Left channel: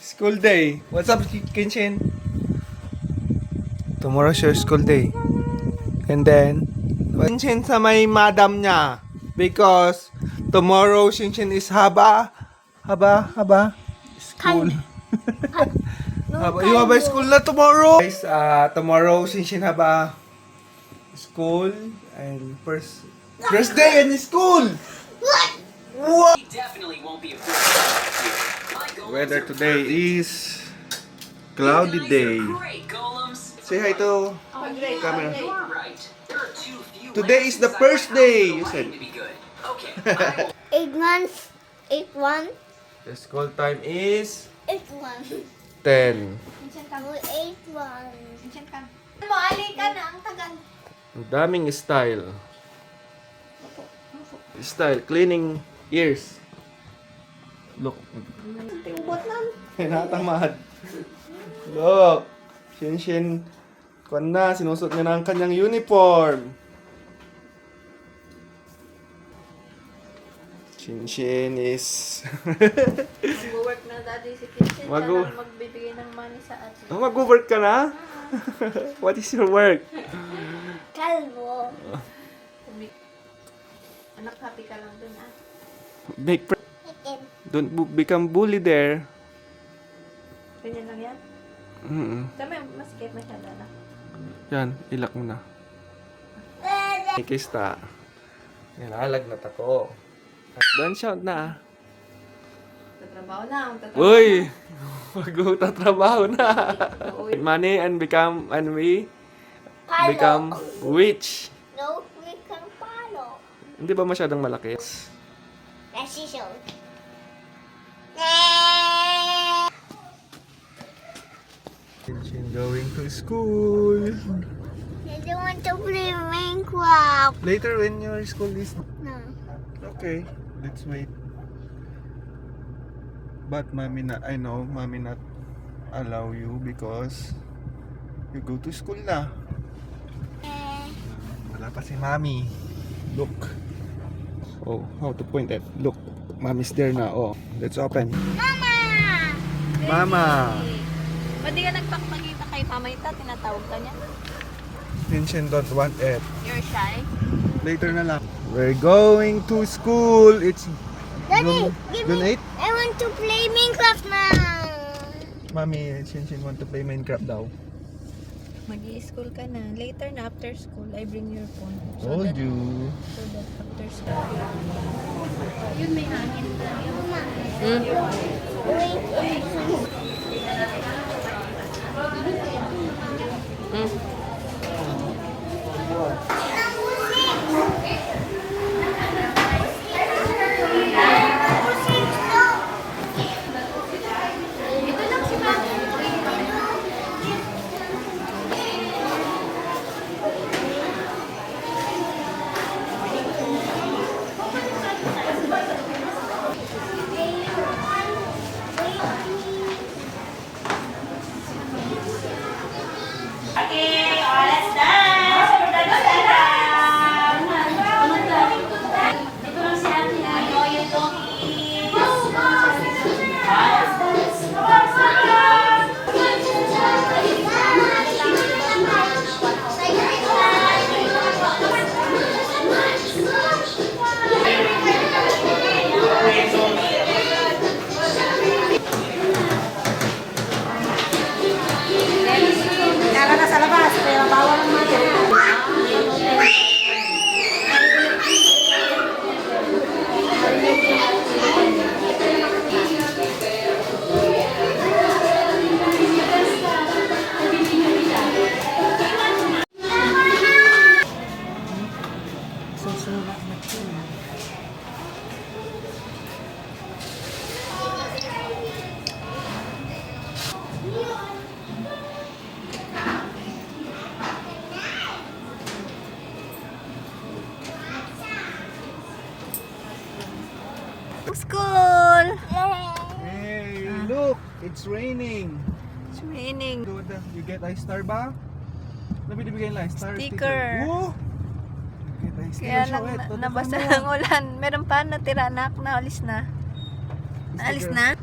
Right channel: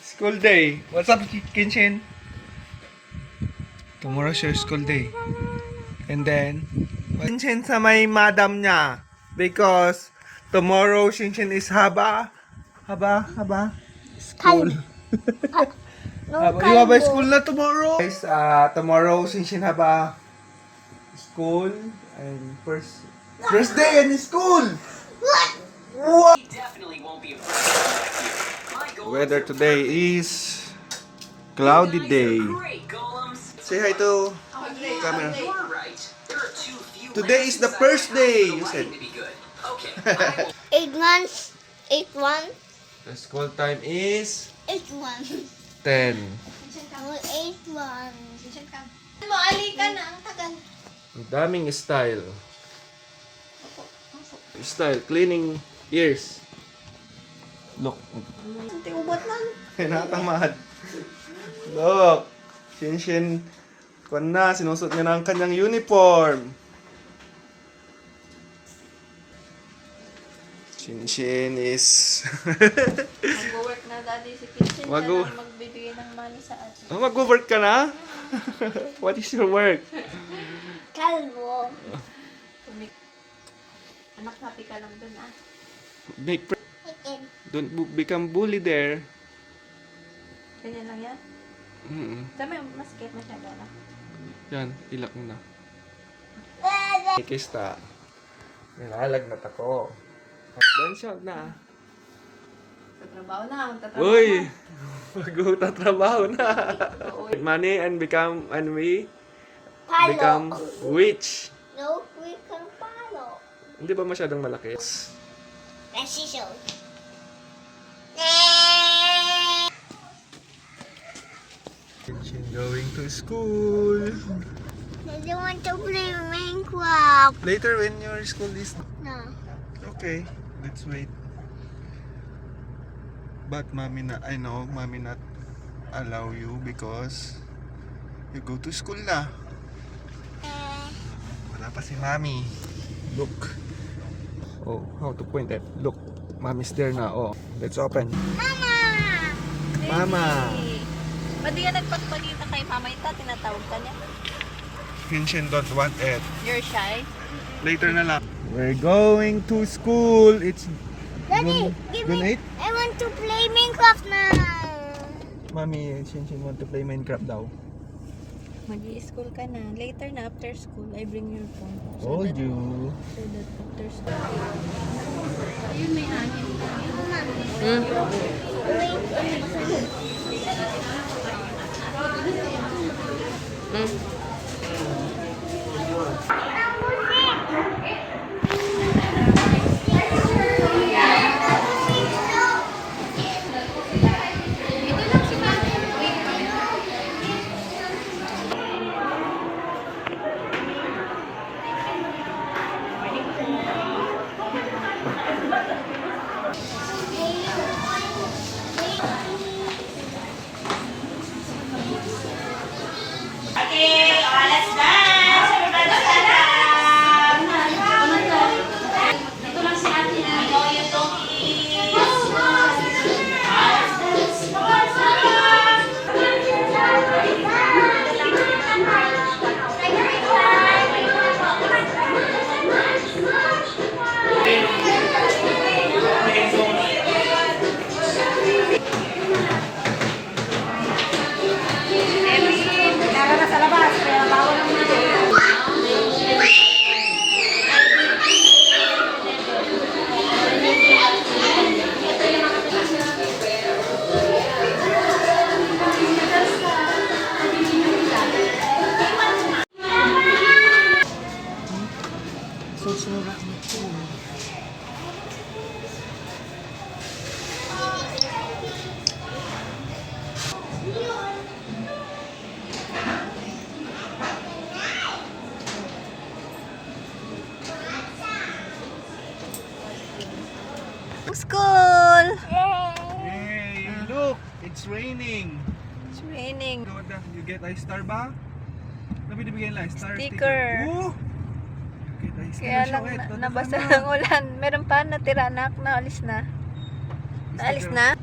School day. What's up, Kinshin? Tomorrow's your school day. And then, Kinshin sa may madam niya. Because tomorrow, Shinshin is haba. School. You have a school na tomorrow. Guys, tomorrow, Shinshin haba school. And first day in school. What? Definitely won't be a Weather today is cloudy day. Say hi to camera. Today is the first day, you said. 8 months. 8 1. The school time is 8 1. 10. 8 1. Maali ka na ang tagal. Ang daming style. Style, cleaning ears. Look. Tiubot lang. Natamad. Look. Shinshin. Kuwan na, sinusot niya na ang kanyang uniform. Shinshin is... Mag-work na daddy si Kitchen. Mag-wo- Siya lang magbibigay ng money sa atin. Oh, mag-work ka na? What is your work? Kalbo. Anak, happy ka lang dun ah. Make Chicken. Don't become bully there. Ganyan lang yan? Tama yung masket masyado na. Yan, ilak mo na. Kista. Nilalagnat ako. Don't shout na. Tatrabaho na. Uy! Mag-tatrabaho na. Money and we become rich. No, we can follow. Hindi ba masyadong malaki? Precision. Kinshin going to school. I don't want to play Minecraft. Later when your school is... No. Okay, let's wait. But mommy not allow you because you go to school na. Wala pa si mommy. Look. Oh, how to point it? Look, mommy's there na. Oh, let's open. Mama! Ba't di ka nagpapagita kay Mama Ita? Tinatawag ka niya? Kinshin don't want it. You're shy? Later na lang. We're going to school. It's Daddy, give June me. 8. I want to play Minecraft now. Mommy, Shinshin want to play Minecraft daw. Mag-i-school ka na. Later na, after school, I bring your phone. Told you. So that after school. School! Hey, look, it's raining. It's raining. You get a star ba? Ano binibigyan lang? Star Sticker. Oh! You get a sticker. Kaya Show lang it. nabasa ng ulan. Meron pa natira anak na alis na. Naalis na?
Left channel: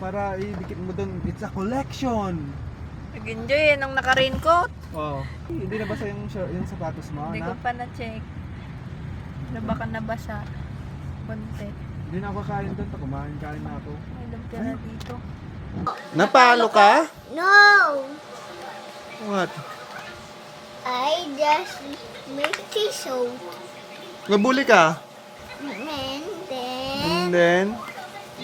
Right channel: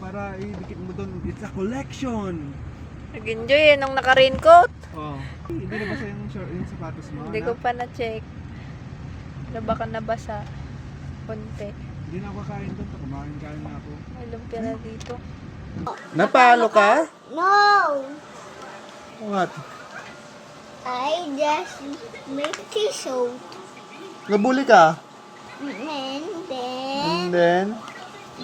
para idikit mo doon. It's a collection. Nag-enjoy nung naka-raincoat. Oh. Hindi nabasa yung sapatos mo, Hindi ko pa na-check. Na baka nabasa. Konti. Hindi na ako kain doon. Kumain na ako. May lumpia na dito. Napalo ka? No! What? I just make t-shirt. Nabuli ka? And And then, then,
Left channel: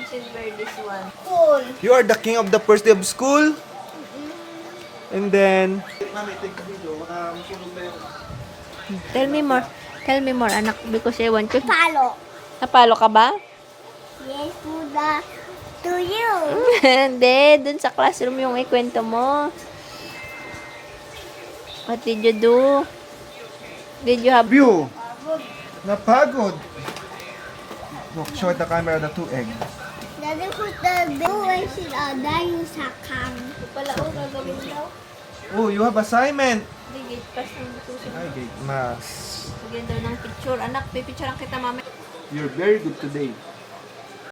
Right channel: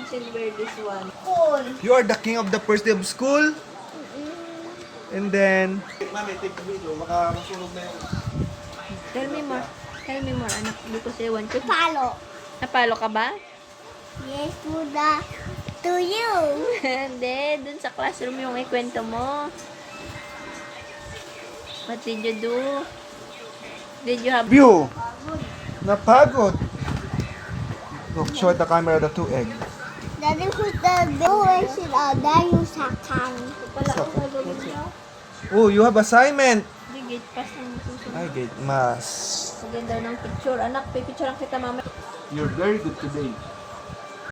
Silver this one. cool. you are the king of the first day of school? And then, mami, take the video. Baka masunog na yung... Tell me more. Tell me more, anak. Because I want to. Palo. Napalo ka ba? Yes, to you. Hindi. Dun sa classroom yung ikwento mo. What did you do? Did you have... View! Napagod! Look, short the camera the 2 egg. Daddy put the always dayo sa kang. Pala ko gagawin daw. Oh, you have assignment! Hindi, gate pass ng susunod. Ay, gate mas. Lagyan daw ng picture. Anak, pipicture ang kita mama. You're very good today.